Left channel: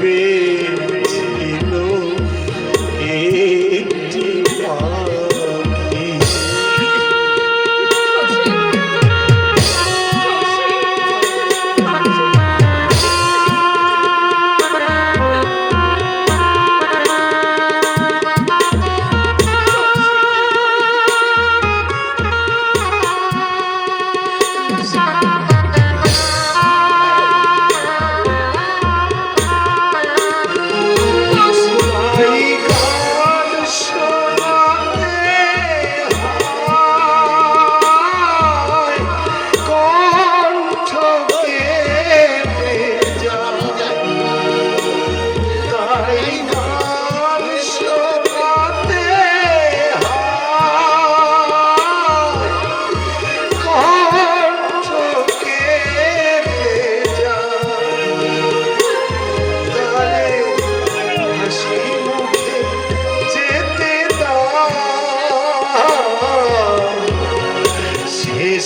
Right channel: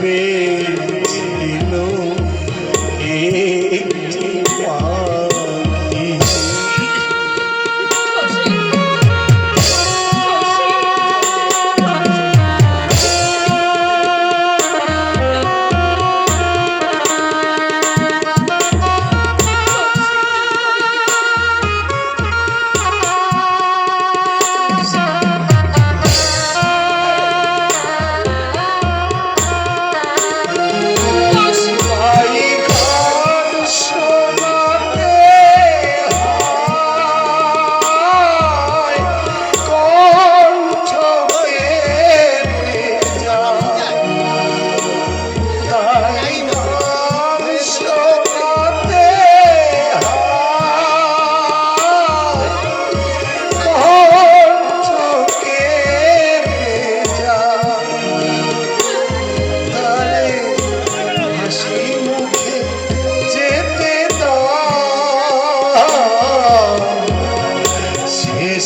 ভেবেছিল একটি পাখি।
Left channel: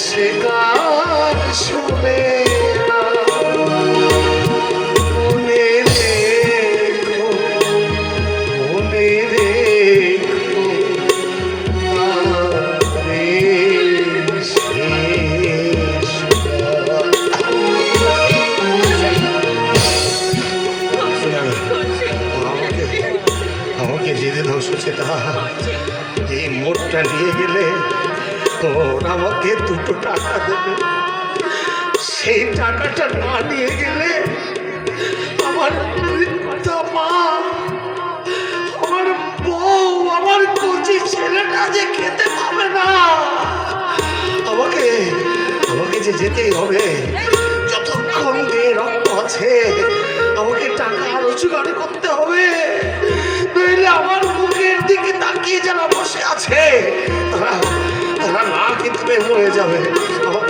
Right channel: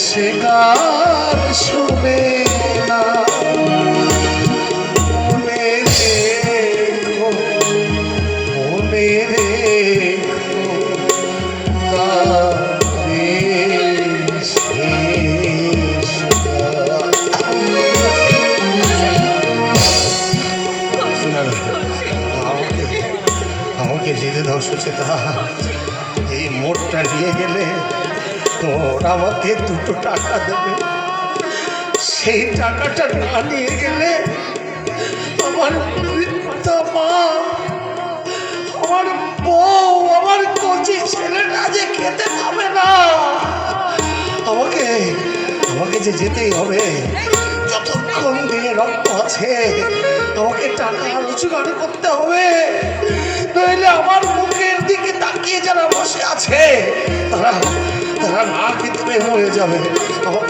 সে গান শুনে না মনে রেখো, মনে রেখো তারে শেষ আমাকে যেতে দাও সুচেতা। এই মোড়টা নিয়ে গেলে তোর আমাকে 2টো টাকা দেবে। সেই টাকাটা না নিয়ে গেলে আমার বৃদ্ধা মা, আমার বউ, আমার কচি ছেলেটা যে খেতে পাবে না। আমাকে আমাকে যে যেতেই হবে, যতক্ষণ দিয়ে রক্ত আছে আমাকে টাকা রোজগার করতে হবে। নইলে আমার মুখের দিকে তাকিয়ে যারা বসে আছে তারা না খেতে মরে যাবে। আমাকে